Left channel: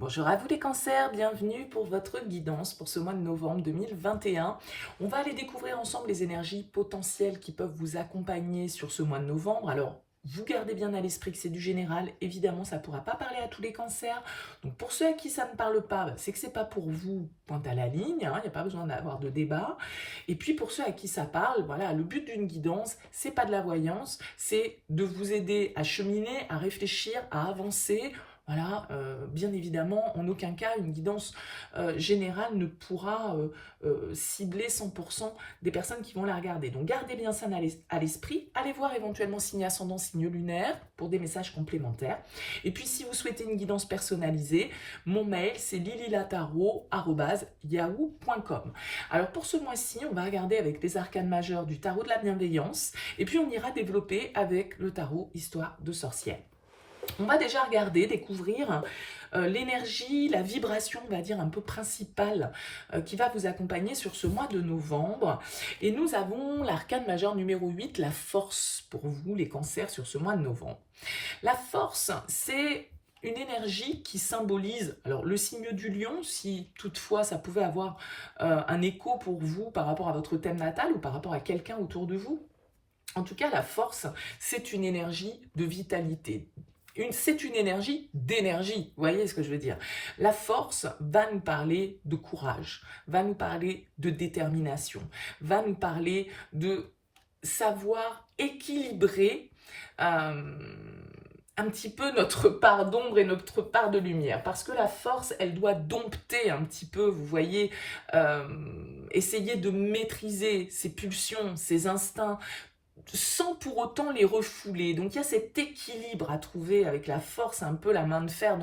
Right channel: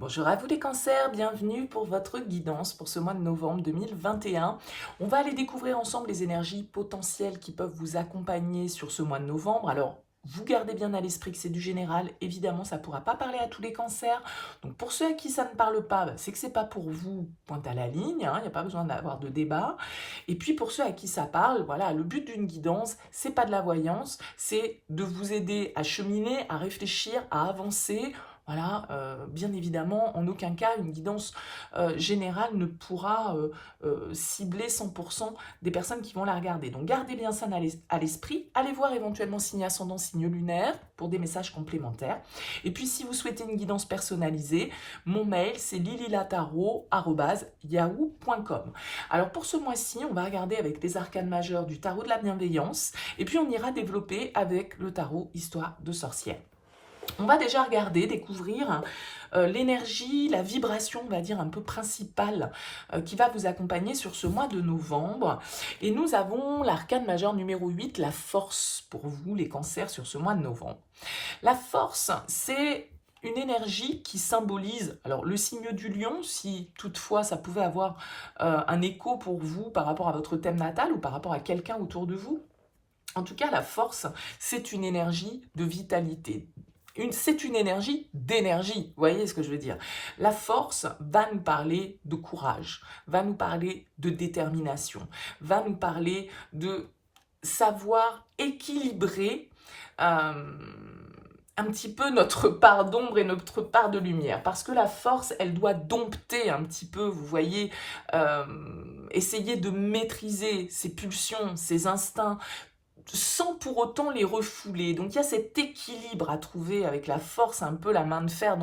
Bonjour à vous les cancers, bienvenue pour votre guidance pour ce mois de novembre 2021. On va aller découvrir ensemble les énergies potentielles qui peuvent vous accompagner sur ce mois de novembre. Alors, vous gardez bien à l'esprit que c'est du général, évidemment ça ne pourra pas parler à tous les cancers. Donc pour ceux à qui ça ne parle pas, c'est que c'est pas pour vous, pointe à la ligne, il n'y a pas besoin d'avoir de débat. Et puis pour ceux à qui ça parle, voilà, le but d'une guidance, c'est pas de la voyance, c'est de vous aider à cheminer, à réfléchir, à avancer. Voilà, bien évidemment, en aucun cas, une guidance générale ne pourra cibler 100% des personnes qui vont la regarder. Donc gardez bien ça à l'esprit. Allez voir éventuellement signe ascendant, signe lunaire pour des messages complémentaires. Et puis si vous souhaitez une guidance personnalisée, mon mail c'est lililataro@yahoo.com. Alors pour ce mois-ci, on va regarder avec les arcanes majeures du tarot de la bienveillance et puis on ira développer avec le tarot histoire de sorcière. On va déjà regarder, découvrir l'énergie, la vibration, on va dire, un peu principale qui va vous accompagner sur ce mois de novembre. Et nous avons l'arcane majeur numéro 8, la force pour vous, les cancers, sur ce mois de novembre. La force, c'est une énergie qui symbolise, alors le signe du lion, si toutefois ça pouvait avoir un écho pour vous par rapport à votre thème natal ou par rapport à quelqu'un autour de vous. En tout cas, la force, c'est une énergie de vitalité. C'est une énergie d'énergie, vous voyez ce que je veux dire. La force va nous parler de courage, va nous parler de détermination, va nous parler de savoir équilibrer un petit peu notre part d'ombre et notre part de lumière. Parce que la force, elle doit dompter un petit peu, vous voyez, essayer de maîtriser ses pulsions, ses instincts, sans pour autant les refouler. Donc il y a cet équilibre à trouver avec la force, un peu la main de fer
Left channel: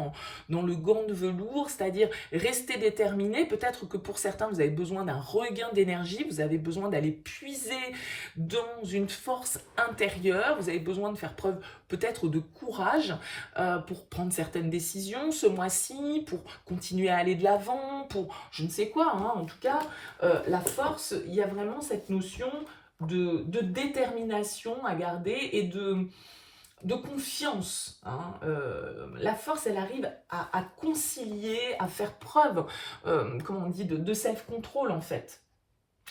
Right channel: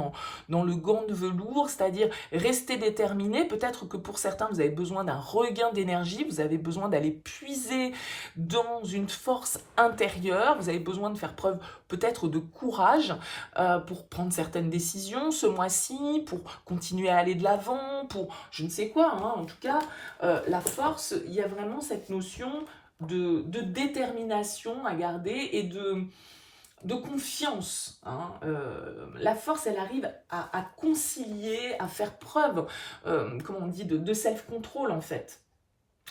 dans le gant de velours, c'est-à-dire rester déterminé. Peut-être que pour certains, vous avez besoin d'un regain d'énergie, vous avez besoin d'aller puiser dans une force intérieure, vous avez besoin de faire preuve peut-être de courage pour prendre certaines décisions ce mois-ci, pour continuer à aller de l'avant, pour je ne sais quoi. En tout cas, la force, il y a vraiment cette notion de détermination à garder et de confiance. La force, elle arrive à concilier, à faire preuve, comment on dit, de self-control en fait,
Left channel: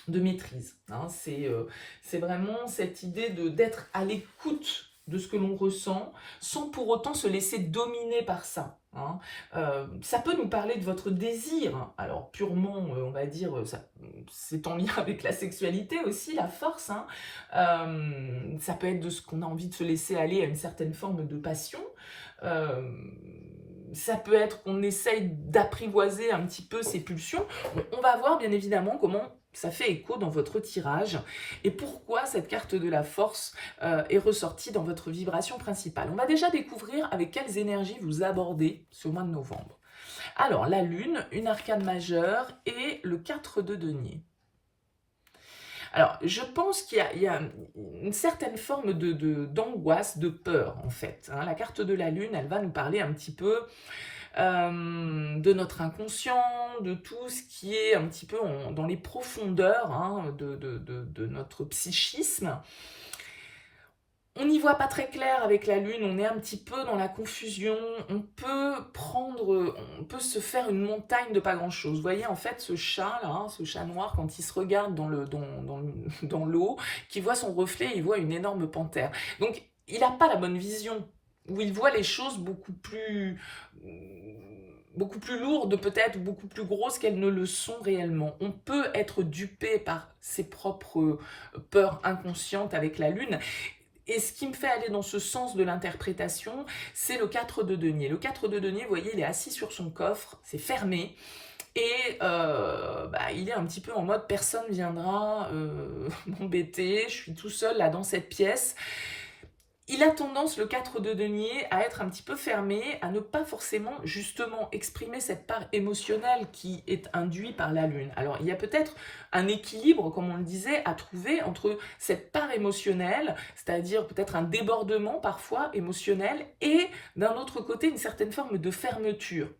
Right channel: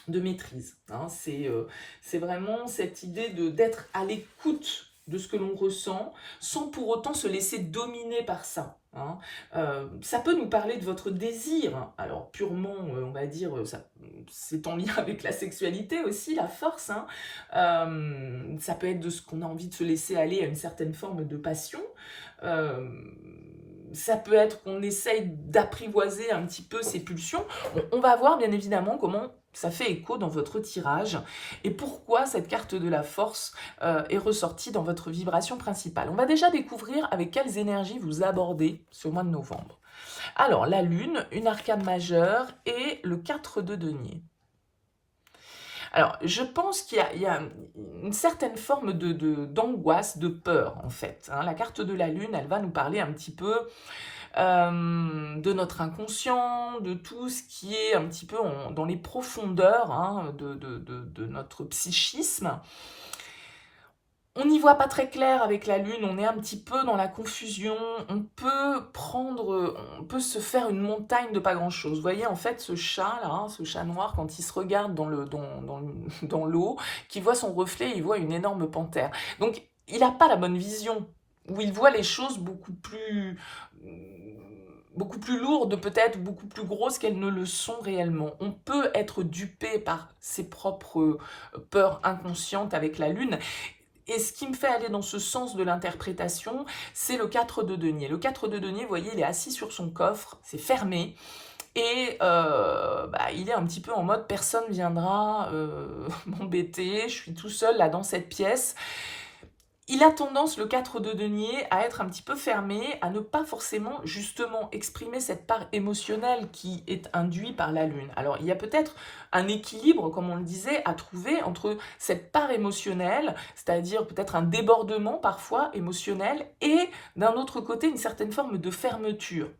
de maîtrise. C'est vraiment cette idée d'être à l'écoute de ce que l'on ressent, sans pour autant se laisser dominer par ça. Ça peut nous parler de votre désir, alors purement, on va dire, c'est en lien avec la sexualité aussi, la force. Ça peut être de ce qu'on a envie de se laisser aller à une certaine forme de passion. Euh, Ça peut être qu'on essaye d'apprivoiser un petit peu ses pulsions. On va voir bien évidemment comment ça fait écho dans votre tirage et pourquoi cette carte de la force est ressortie dans votre vibration principale. On va déjà découvrir avec quelles énergies vous abordez ce mois de novembre. Alors, la lune, une arcane majeure et le 4 de denier. Alors, je pense qu'il y a une certaine forme d'angoisse, de peur, en fait. La carte de la lune, elle va nous parler un petit peu de notre inconscient, de tout ce qui est un petit peu dans les profondeurs de notre psychisme. On n'y voit pas très clair avec la lune, on est un petit peu dans la confusion, on peut se faire une montagne de pas grand chose. Vous voyez en fait ce chat là, ce chat noir, quand il se regarde dans l'eau, qui voit son reflet, il voit une énorme panthère. Donc il n'a pas la bonne vision, où il voit les choses beaucoup plus lourdes peut-être, beaucoup plus grosses qu'elles ne le sont réellement. On peut être dupé par ses propres peurs inconscientes avec la lune. Et ce qui me fait aller dans ce sens de l'interprétation, c'est le 4 de denier. Le 4 de denier, vous voyez, il est assis sur son coffre, c'est fermé, et il est un petit peu en mode personne viendra m'embêter, je suis tout seul là dans cette pièce. Il a tendance, le 4 de denier, à être un petit peu fermé, à ne pas forcément justement exprimer cette part émotionnelle qui est induite par la lune. Alors il y a peut-être un équilibre, comme on le disait, à trouver entre cette part émotionnelle, c'est-à-dire peut-être un débordement parfois émotionnel, et d'un autre côté une certaine forme de fermeture.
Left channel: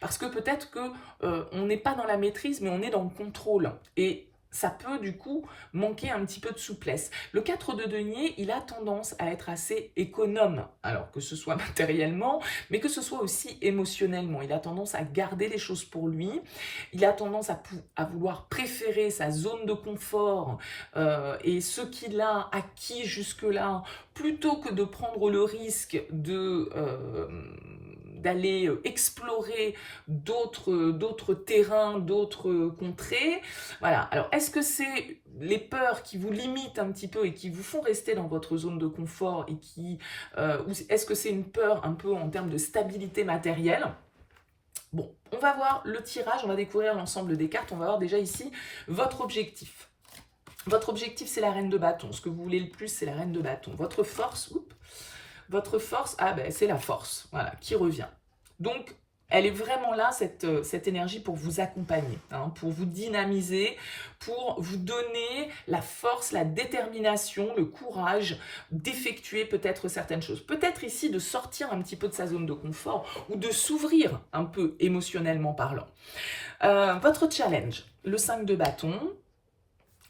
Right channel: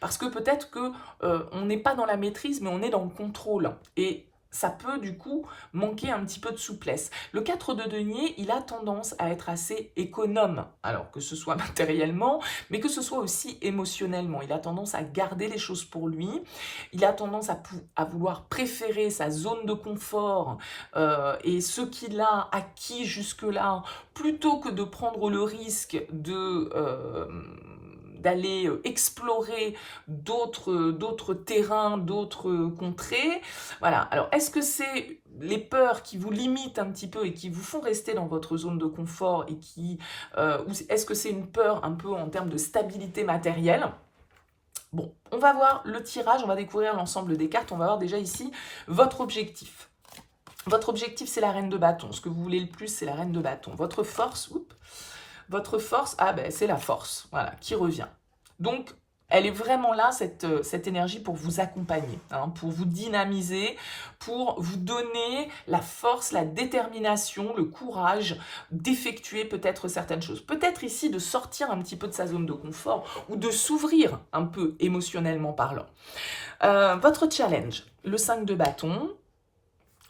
Parce que peut-être qu'on n'est pas dans la maîtrise, mais on est dans le contrôle. Et ça peut du coup manquer un petit peu de souplesse. Le 4 de denier, il a tendance à être assez économe, alors que ce soit matériellement, mais que ce soit aussi émotionnellement. Il a tendance à garder les choses pour lui, il a tendance à vouloir préférer sa zone de confort et ce qu'il a acquis jusque-là, plutôt que de prendre le risque d'aller explorer d'autres terrains, d'autres contrées. Voilà. Alors, est-ce que c'est les peurs qui vous limitent un petit peu et qui vous font rester dans votre zone de confort et ou est-ce que c'est une peur un peu en termes de stabilité matérielle? Bon, on va voir le tirage, on va découvrir l'ensemble des cartes, on va voir déjà ici votre objectif. Votre objectif, c'est la reine de bâton. Ce que vous voulez le plus, c'est la reine de bâton. Votre force, c'est la force, voilà, qui revient. Donc, elle est vraiment là, cette énergie, pour vous accompagner, hein, pour vous dynamiser, pour vous donner la force, la détermination, le courage d'effectuer peut-être certaines choses. Peut-être ici de sortir un petit peu de sa zone de confort ou de s'ouvrir un peu émotionnellement parlant. Votre challenge, le 5 de bâton.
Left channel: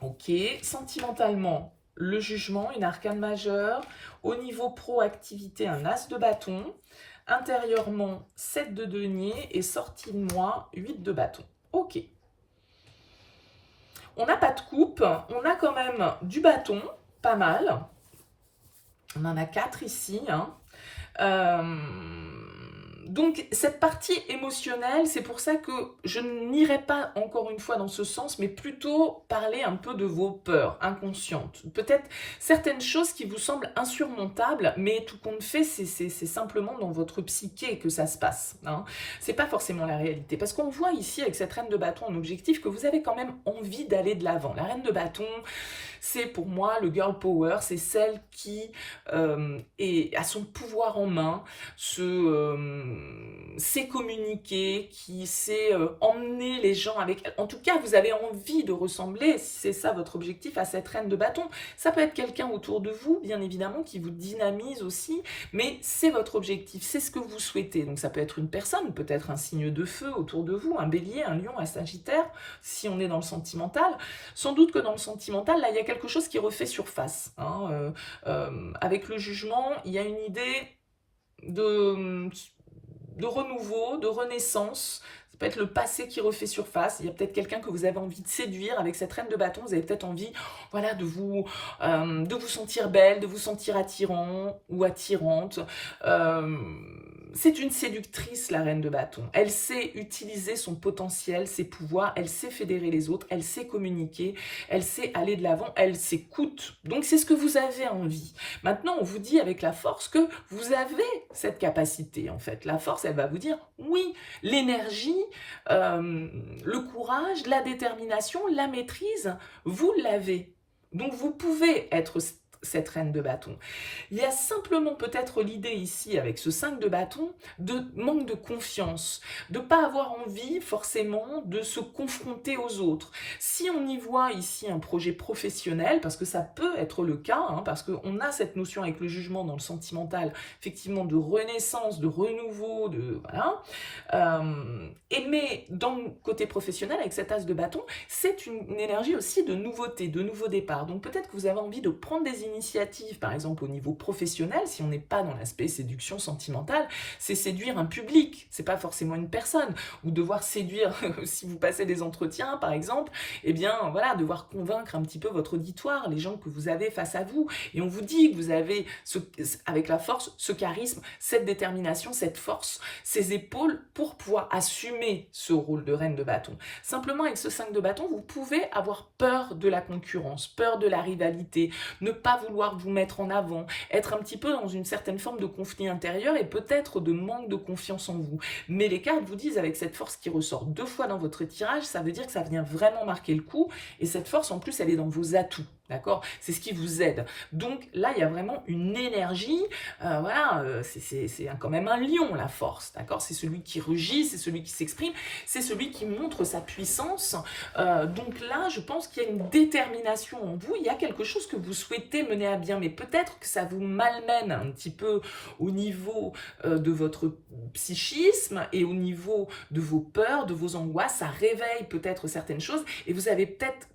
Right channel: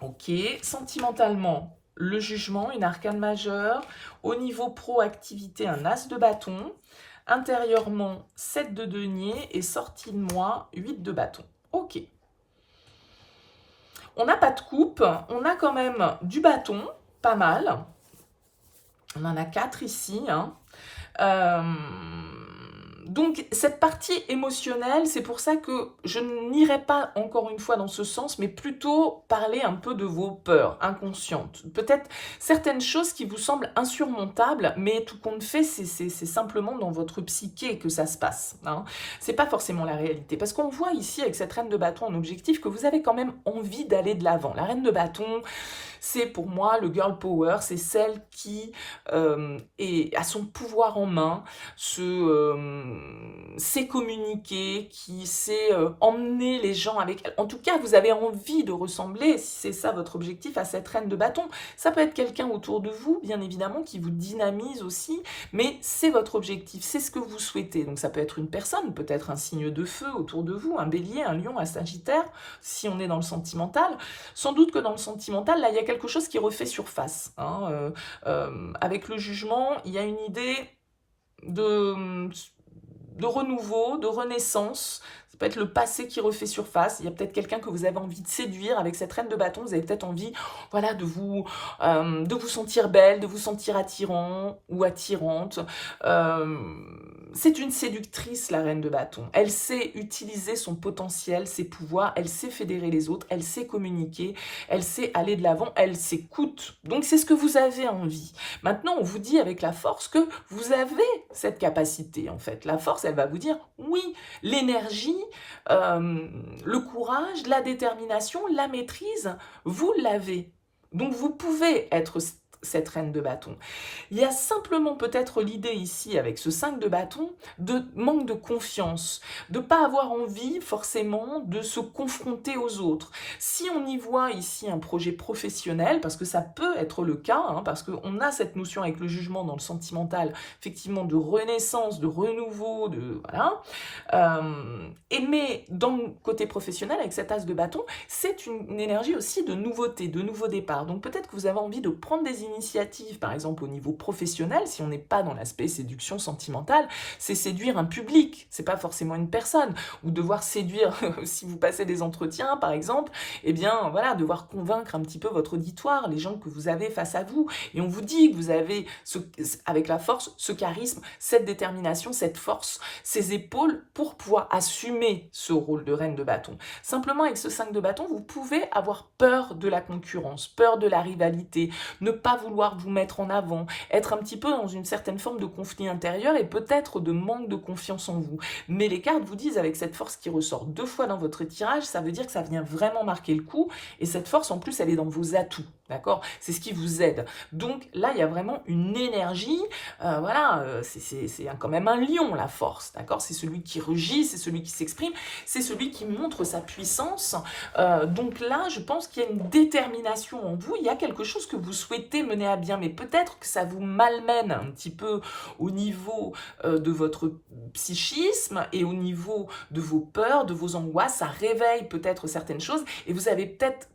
Ok, sentimentalement, le jugement, une arcane majeure. Au niveau proactivité, un as de bâton. Intérieurement, 7 de denier. Et sortie de moi, 8 de bâton. Ok. On n'a pas de coupe. On a quand même du bâton, pas mal. On en a 4 ici. Hein. Donc, cette partie émotionnelle, c'est pour ça que je n'irai pas encore une fois dans ce sens, mais plutôt parler un peu de vos peurs inconscientes. Peut-être certaines choses qui vous semblent insurmontables, mais tout compte fait, c'est simplement dans votre psyché que ça se passe. Hein. C'est pas forcément la réalité. Parce qu'on voit ici, avec cette reine de bâton en objectif, que vous avez quand même envie d'aller de l'avant. La reine de bâton, c'est pour moi le girl power, c'est celle qui a son pouvoir en main, sait communiquer, qui sait emmener les gens avec elle. En tout cas, vous avez envie de ressembler, si c'est ça votre objectif, à cette reine de bâton. Ça peut être quelqu'un autour de vous, bien évidemment, qui vous dynamise aussi, mais c'est votre objectif, c'est ce que vous souhaitez. Donc ça peut être une personne, peut-être un signe de feu autour de vous, un bélier, un lion, un sagittaire, si on est dans le sentimental. Sans doute que dans le sentimental, là, il y a quelque chose qui refait surface. Hein. Avec le jugement, il y a une idée de renouveau, de renaissance. Ça peut être le passé qui refait surface. Il y a peut-être quelqu'un que vous avez envie de séduire avec cette reine de bâton. Vous avez peut-être envie, voilà, de vous sentir belle, de vous sentir attirant ou attirante. C'est une séductrice, la reine de bâton. Elle sait utiliser son potentiel, ses pouvoirs, elle sait fédérer les autres, elle sait communiquer, elle sait aller de l'avant, elle s'écoute. Donc c'est ce que vous avez envie. Maintenant, on vous dit avec la force que vous avez cette capacité, en fait. La force, elle va vous dire, oui, l'énergie, le courage, la détermination, la maîtrise, vous l'avez. Donc vous pouvez être cette reine de bâton. Il y a simplement peut-être l'idée ici, avec ce 5 de bâton, de manque de confiance, de ne pas avoir envie forcément de se confronter aux autres. Si on y voit ici un projet professionnel, parce que ça peut être le cas, hein, parce qu'on a cette notion avec le jugement dans le sentimental, effectivement de renaissance, de renouveau, voilà. Mais dans le côté professionnel, avec cet as de bâton, c'est une énergie aussi de nouveauté, de nouveau départ. Donc peut-être que vous avez envie de prendre des initiatives, par exemple au niveau professionnel, si on n'est pas dans l'aspect séduction sentimentale, c'est séduire un public, c'est pas forcément une personne, ou devoir séduire, si vous passez des entretiens par exemple, eh bien voilà, devoir convaincre un petit peu votre auditoire, les gens que vous avez face à vous, et on vous dit que vous avez, avec la force, ce charisme, cette détermination, cette force, ces épaules pour pouvoir assumer ce rôle de reine de bâton. Simplement avec ce 5 de bâton, vous pouvez avoir peur de la concurrence, peur de la rivalité, ne pas vouloir vous mettre en avant, être un petit peu dans une certaine forme de conflit intérieur et peut-être de manque de confiance en vous. Mais les cartes vous disent, avec cette force qui ressort 2 fois dans votre tirage, ça veut dire que ça vient vraiment marquer le coup, et cette force en plus elle est dans vos atouts, d'accord? C'est ce qui vous aide. Donc là il y a vraiment une énergie, voilà, c'est quand même un lion la force, d'accord? C'est celui qui rugit, c'est celui qui s'exprime, c'est celui qui montre sa puissance. Donc là je pense qu'il y a une détermination en vous, il y a quelque chose que vous souhaitez mener à bien, mais peut-être que ça vous malmène un petit peu au niveau de votre psychisme et au niveau de vos peurs, de vos angoisses, ça réveille peut-être certaines choses et vous avez peut-être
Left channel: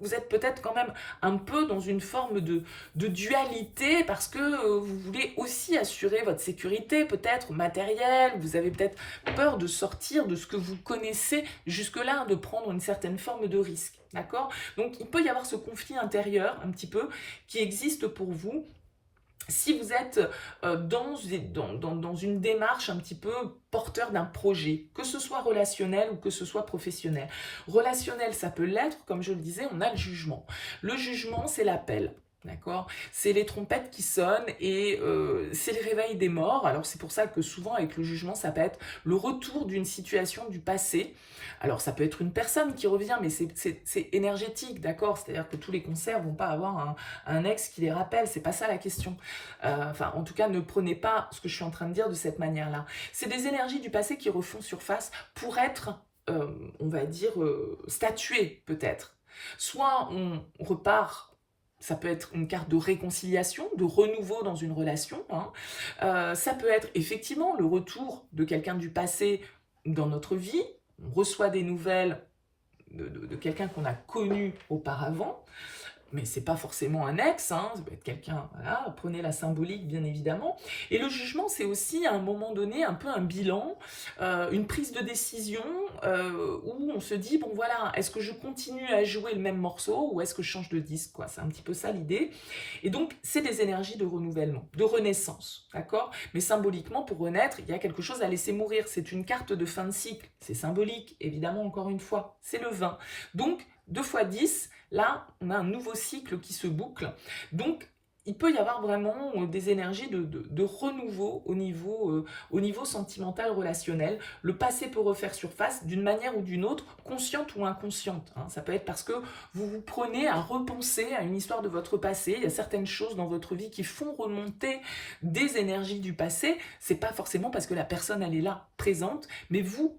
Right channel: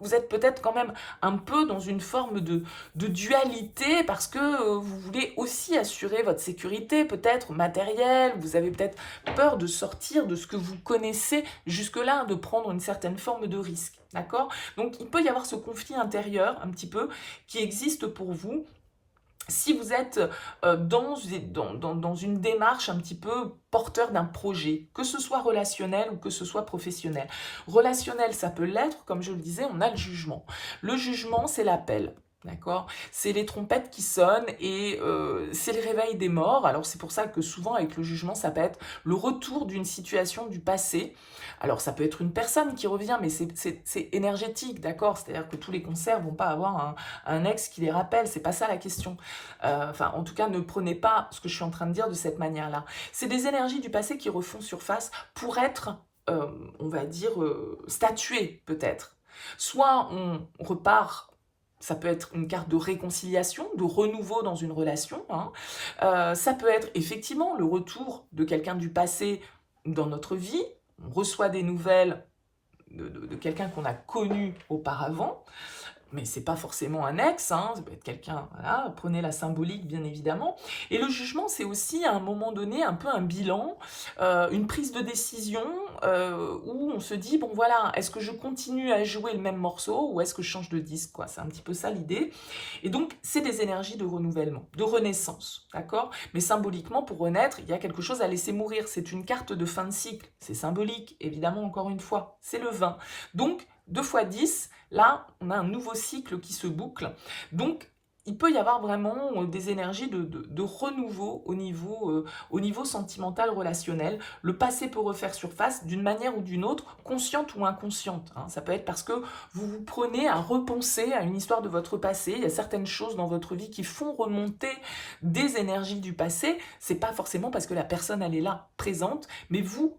vous êtes peut-être quand même un peu dans une forme de dualité parce que vous voulez aussi assurer votre sécurité, peut-être matérielle, vous avez peut-être peur de sortir de ce que vous connaissez jusque-là, de prendre une certaine forme de risque, d'accord? Donc il peut y avoir ce conflit intérieur un petit peu qui existe pour vous si vous êtes dans une démarche un petit peu porteur d'un projet, que ce soit relationnel ou que ce soit professionnel. Relationnel, ça peut l'être, comme je le disais, on a le jugement. Le jugement, c'est l'appel. D'accord? C'est les trompettes qui sonnent et c'est le réveil des morts. Alors c'est pour ça que souvent avec le jugement, ça peut être le retour d'une situation du passé. Alors ça peut être une personne qui revient, mais c'est énergétique, d'accord? C'est-à-dire que tous les concerts vont pas avoir un ex qui les rappelle, c'est pas ça la question. Enfin, en tout cas, ne prenez pas ce que je suis en train de dire de cette manière-là. C'est des énergies du passé qui refont surface pour être, on va dire, statuées peut-être. Soit on repart. Ça peut être une carte de réconciliation, de renouveau dans une relation. Hein. Ça peut être effectivement le retour de quelqu'un du passé dans notre vie. On reçoit des nouvelles de quelqu'un qu'on a connu auparavant, mais c'est pas forcément un ex, hein, ça peut être quelqu'un, voilà, prenez la symbolique bien évidemment. Et le jugement, c'est aussi à un moment donné un peu un bilan, une prise de décision où on se dit, bon voilà, est-ce que je continue à jouer le même morceau ou est-ce que je change de disque, quoi. C'est un petit peu ça l'idée. Et donc, c'est des énergies de renouvellement, de renaissance, d'accord? Mais symboliquement, pour renaître, il y a quelque chose à laisser mourir. C'est une carte de fin de cycle, c'est symbolique, évidemment, encore une fois, c'est le 20. Donc, 2 fois 10, là, on a un nouveau cycle qui se boucle. Donc, il peut y avoir vraiment des énergies de renouveau au niveau sentimental, relationnel. Le passé peut refaire surface d'une manière ou d'une autre, consciente ou inconsciente. Hein. Ça peut être parce que vous vous prenez à repenser à une histoire de votre passé. Il y a certaines choses dans votre vie qui font remonter des énergies du passé. C'est pas forcément parce que la personne, elle est là, présente, mais vous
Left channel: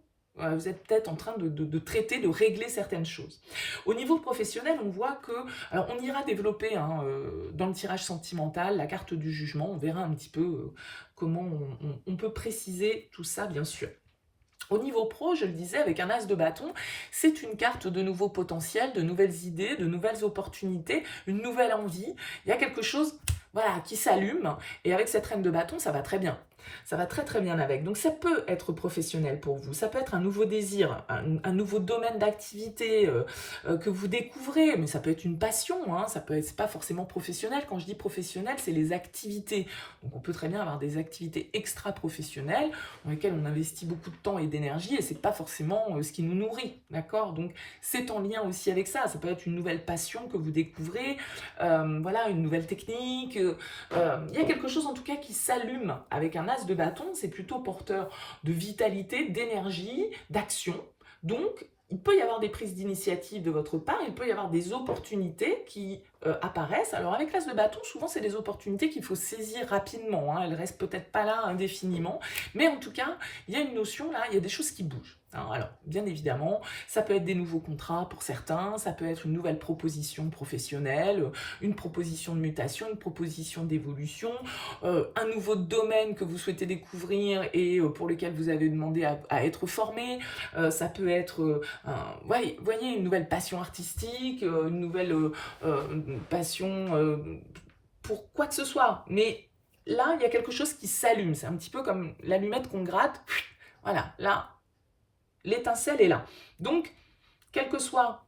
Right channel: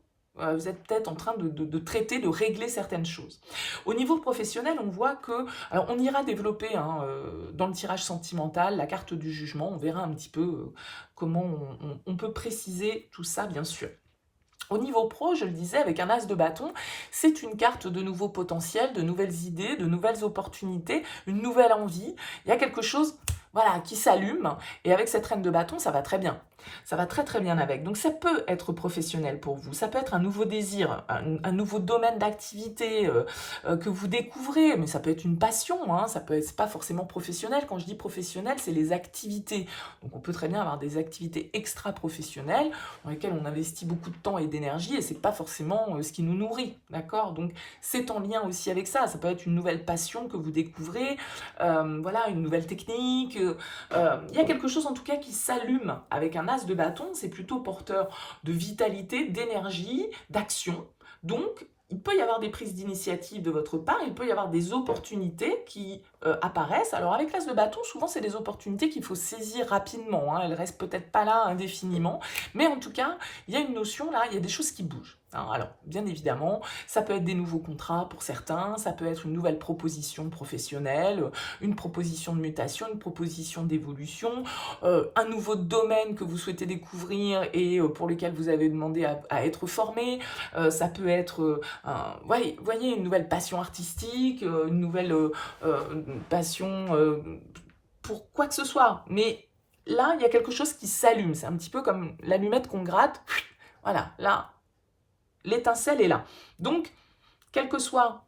êtes peut-être en train de traiter, de régler certaines choses. Au niveau professionnel, on voit que, alors on ira développer hein, dans le tirage sentimental la carte du jugement, on verra un petit peu comment on peut préciser tout ça, bien sûr. Au niveau pro, je le disais, avec un as de bâton, c'est une carte de nouveaux potentiels, de nouvelles idées, de nouvelles opportunités, une nouvelle envie. Il y a quelque chose voilà, qui s'allume, et avec cette reine de bâton, ça va très bien. Ça va très très bien avec. Donc ça peut être professionnel pour vous, ça peut être un nouveau désir, un nouveau domaine d'activité que vous découvrez, mais ça peut être une passion, hein, ça peut être, c'est pas forcément professionnel. Quand je dis professionnel, c'est les activités. Donc on peut très bien avoir des activités extra-professionnelles dans lesquelles on investit beaucoup de temps et d'énergie et c'est pas forcément ce qui nous nourrit, d'accord? Donc c'est en lien aussi avec ça. Ça peut être une nouvelle passion que vous découvrez, voilà, une nouvelle technique. Il y a quelque chose en tout cas qui s'allume avec un as de bâton, c'est plutôt porteur de vitalité, d'énergie, d'action. Donc, il peut y avoir des prises d'initiative de votre part, il peut y avoir des opportunités qui apparaissent. Alors avec l'as de bâton, souvent c'est des opportunités qu'il faut saisir rapidement, hein. Elles ne restent peut-être pas là indéfiniment, mais en tout cas, il y a une notion là, il y a des choses qui bougent. Alors, bien évidemment, ça peut être des nouveaux contrats pour certains, ça peut être une nouvelle proposition professionnelle, une proposition de mutation, une proposition d'évolution, un nouveau domaine que vous souhaitez découvrir et pour lequel vous avez demandé à être formé. Ça peut être, voyez, une nouvelle passion artistique, une nouvelle passion pour quoi que ce soit. Mais là, il y a quelque chose qui s'allume. C'est un petit peu comme l'allumette qu'on gratte. Voilà, là, l'étincelle est là. Donc, quelle que soit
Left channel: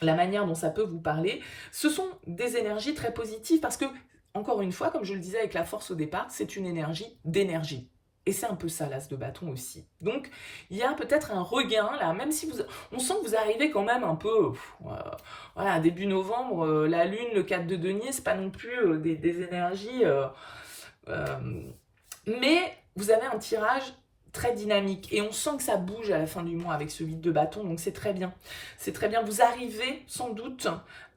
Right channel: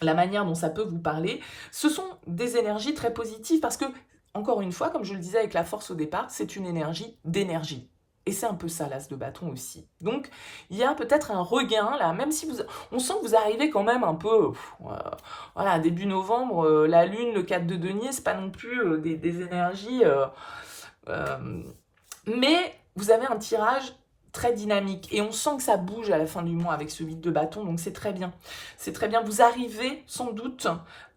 la manière dont ça peut vous parler, ce sont des énergies très positives parce que, encore une fois, comme je le disais avec la force au départ, c'est une énergie d'énergie. Et c'est un peu ça, l'as de bâton aussi. Donc, il y a peut-être un regain, là, même si on sent que vous arrivez quand même un peu, voilà, début novembre, la lune, le 4 de denier, c'est pas non plus des énergies, mais vous avez un tirage très dynamique et on sent que ça bouge à la fin du mois avec ce vide de bâton, donc c'est très bien. C'est très bien. Vous arrivez sans doute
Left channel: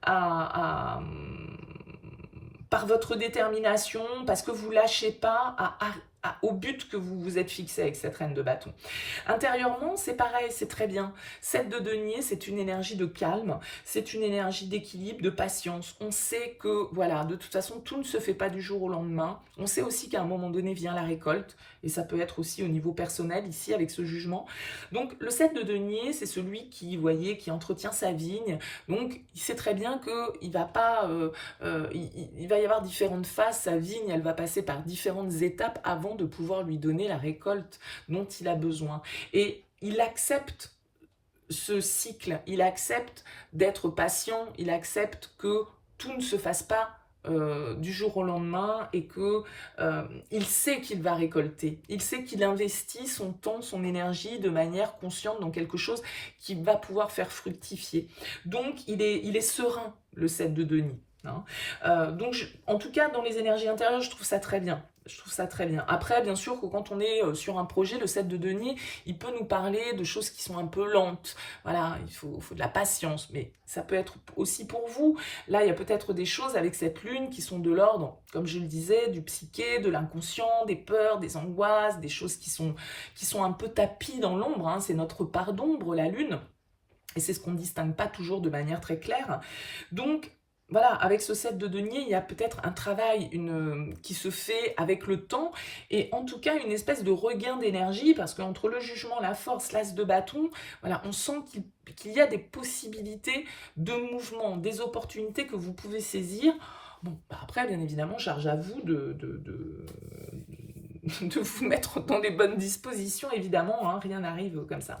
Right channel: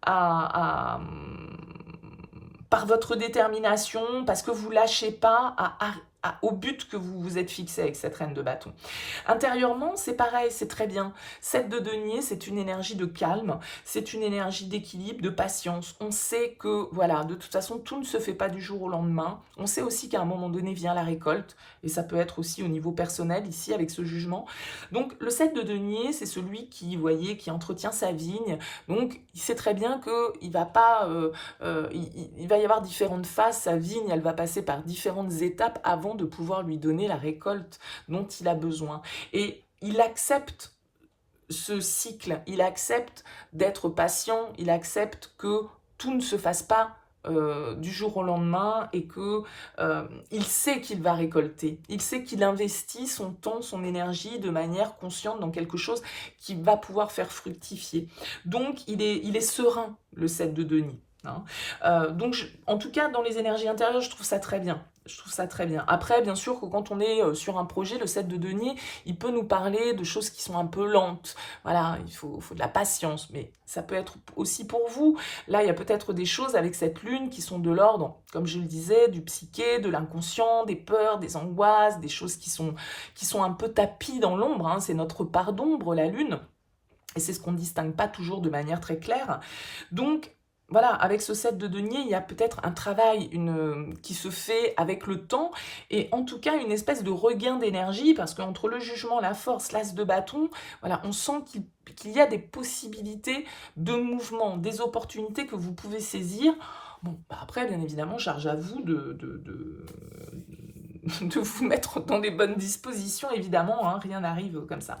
par votre détermination, parce que vous lâchez pas, au but que vous vous êtes fixé avec cette reine de bâton. Intérieurement, c'est pareil, c'est très bien. 7 de denier, c'est une énergie de calme, c'est une énergie d'équilibre, de patience. On sait que, voilà, de toute façon, tout ne se fait pas du jour au lendemain. On sait aussi qu'à un moment donné vient la récolte, et ça peut être aussi au niveau personnel, ici, avec ce jugement. Donc, le 7 de denier, c'est celui qui, vous voyez, qui entretient sa vigne. Donc, il sait très bien qu'il va pas... il va y avoir différentes phases. Sa vigne, elle va passer par différentes étapes avant de pouvoir lui donner la récolte dont il a besoin. Et il accepte ce cycle, il accepte d'être patient, il accepte que tout ne se fasse pas du jour au lendemain et que il sait qu'il va récolter. Il sait qu'il investit son temps, son énergie de manière consciente dans quelque chose qui va pouvoir faire fructifier. Donc, il est serein, le 7 de denier. Hein. Donc, en tout cas, dans les énergies intérieures, je trouve ça très bien. Je trouve ça très bien. Après, bien sûr, que quand on est sur un projet, le 7 de denier, il peut nous parler de choses qui sont un peu lentes. Voilà, il faut de la patience, mais ça peut être aussi pour vous. Là, il y a peut-être des choses avec cette lune qui sont de l'ordre, comme je le disais, du psyché, de l'inconscient, des peurs, des angoisses, des choses qui sont un peu tapies dans l'ombre. Hein. C'est notre part d'ombre, la lune. Et c'est ce qu'on ne distingue pas toujours de manière très claire. Donc, voilà, avec ce 7 de denier, il y a peut-être un travail qui se fait avec le temps, et en tout cas une espèce de regain d'énergie, parce qu'entre le jugement, la force, l'as de bâton, voilà, on sent qu'il y a des possibilités de mouvement, des opportunités que vous pouvez saisir. Bon, bah après, bien évidemment, charge à vous de vous mettre dans les bonnes dispositions, évidemment, hein, rien n'arrive comme ça.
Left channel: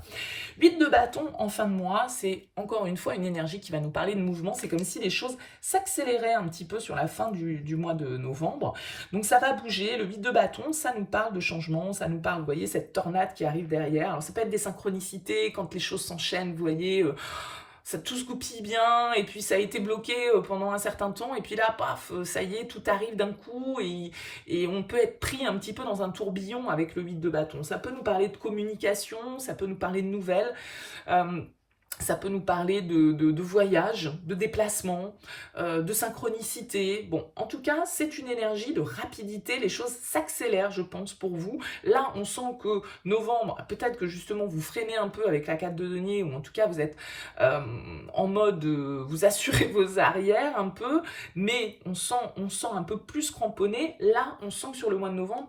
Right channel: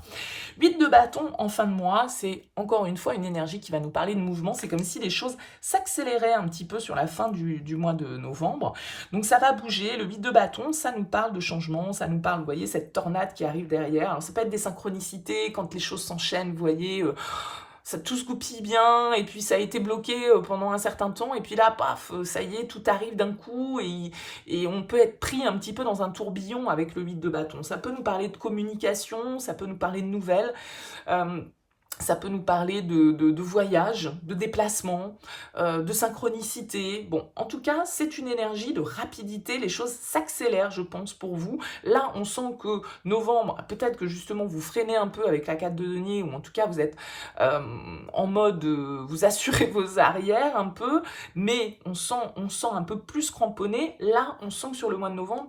8 de bâton en fin de mois, c'est encore une fois une énergie qui va nous parler de mouvement. C'est comme si les choses s'accéléraient un petit peu sur la fin du mois de novembre. Donc ça va bouger. Le 8 de bâton, ça nous parle de changement, ça nous parle, vous voyez, cette tornade qui arrive derrière. Alors ça peut être des synchronicités, quand les choses s'enchaînent, vous voyez... ça tout se goupille bien, et puis ça a été bloqué pendant un certain temps, et puis là, paf, ça y est, tout arrive d'un coup, et on peut être pris un petit peu dans un tourbillon avec le 8 de bâton. Ça peut nous parler de communication, ça peut nous parler de nouvelles, ça peut nous parler de voyage, de déplacement, de synchronicité. Bon, en tout cas, c'est une énergie de rapidité. Les choses s'accélèrent, je pense, pour vous. Là, on sent que novembre, peut-être que justement, vous freinez un peu avec la 4 de denier, ou en tout cas, vous êtes en mode, vous assurez vos arrières un peu, mais on sent un peu plus cramponné. Là, on sent que sur le mois de novembre,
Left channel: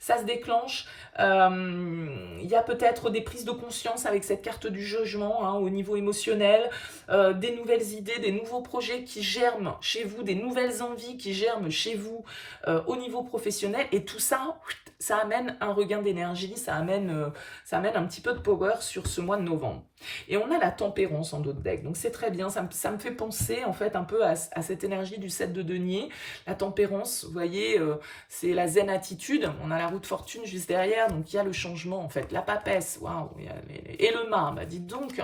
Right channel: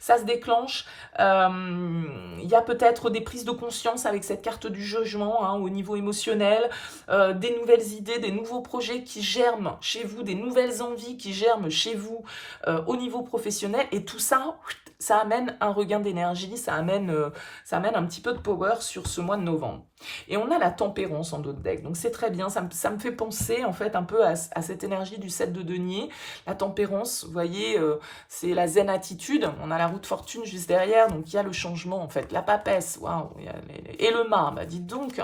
ça se déclenche. Il y a peut-être des prises de conscience avec cette carte du jugement, hein, au niveau émotionnel, des nouvelles idées, des nouveaux projets qui germent chez vous, des nouvelles envies qui germent chez vous au niveau professionnel, et tout ça, ça amène un regain d'énergie, ça amène un petit peu de power sur ce mois de novembre. Et on a la tempérance en d'autres decks, donc c'est très bien, ça me fait penser en fait un peu à cette énergie du 7 de denier. La tempérance, vous voyez, c'est la zen attitude, on a la roue de fortune juste derrière, donc il y a le changement en fait, la papesse, waouh, et le mât, bah dites donc,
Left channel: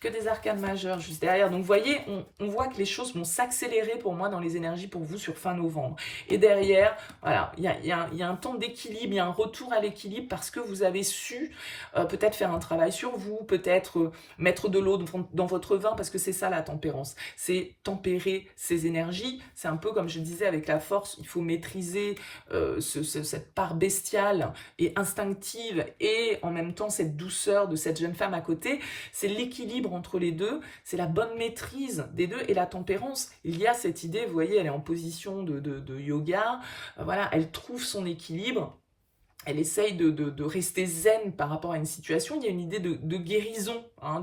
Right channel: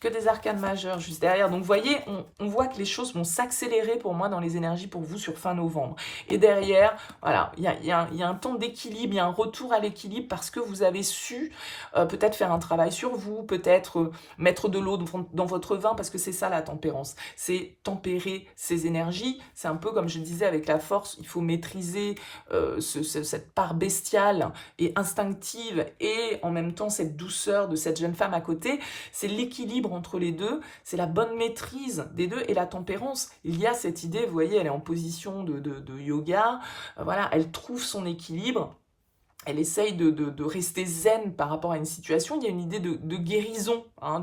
que des arcanes majeures juste derrière. Donc vous voyez, on voit que les choses vont s'accélérer pour moi dans les énergies pour vous sur fin novembre. Et derrière, voilà, il y a un temps d'équilibre, il y a un retour à l'équilibre parce que vous avez su peut-être faire un travail sur vous, peut-être mettre de l'eau dans votre vin, parce que c'est ça la tempérance. C'est tempérer ses énergies. C'est un peu comme je disais avec la force, il faut maîtriser cette part bestiale et instinctive, et en même temps cette douceur de cette jeune femme à côté. C'est l'équilibre entre les deux, c'est la bonne maîtrise des deux. Et la tempérance, il y a cette idée, vous voyez, elle est en position de yoga, voilà, elle trouve son équilibre, elle essaye de rester zen par rapport à une situation. Il y a une idée de guérison, hein,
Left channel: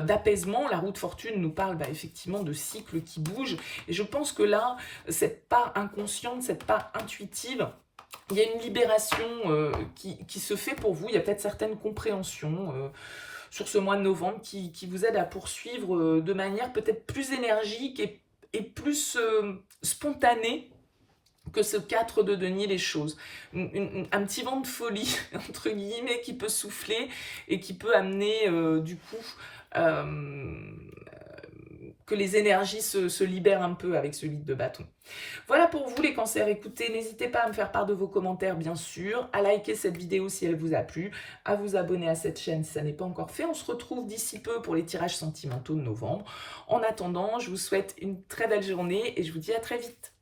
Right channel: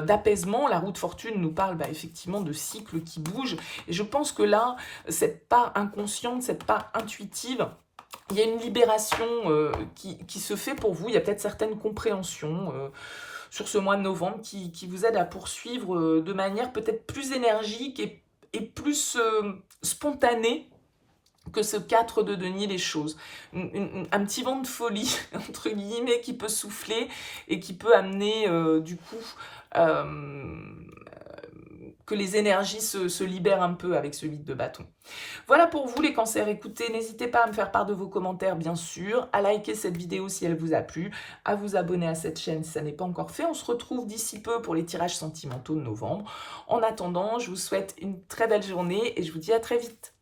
d'apaisement. La roue de fortune nous parle effectivement de cycles qui bougent, et je pense que là, cette part inconsciente, cette part intuitive, il y a une libération qui se fait pour vous. Il y a peut-être certaines compréhensions sur ce mois de novembre qui vous aide à poursuivre de manière peut-être plus énergique et plus spontanée que ce 4 de denier les choses. Un petit vent de folie, entre guillemets, qui peut souffler et qui peut amener du coup que les énergies se libèrent un peu avec ce 8 de bâton. Voilà pour vous les cancers. Écoutez, n'hésitez pas à me faire part de vos commentaires, bien sûr, à liker cette vidéo si elle vous a plu, à vous abonner à cette chaîne si ça n'est pas encore fait. On se retrouve d'ici peu pour les tirages sentimentaux de novembre. En attendant, je vous souhaite une très belle journée et je vous dis à très vite.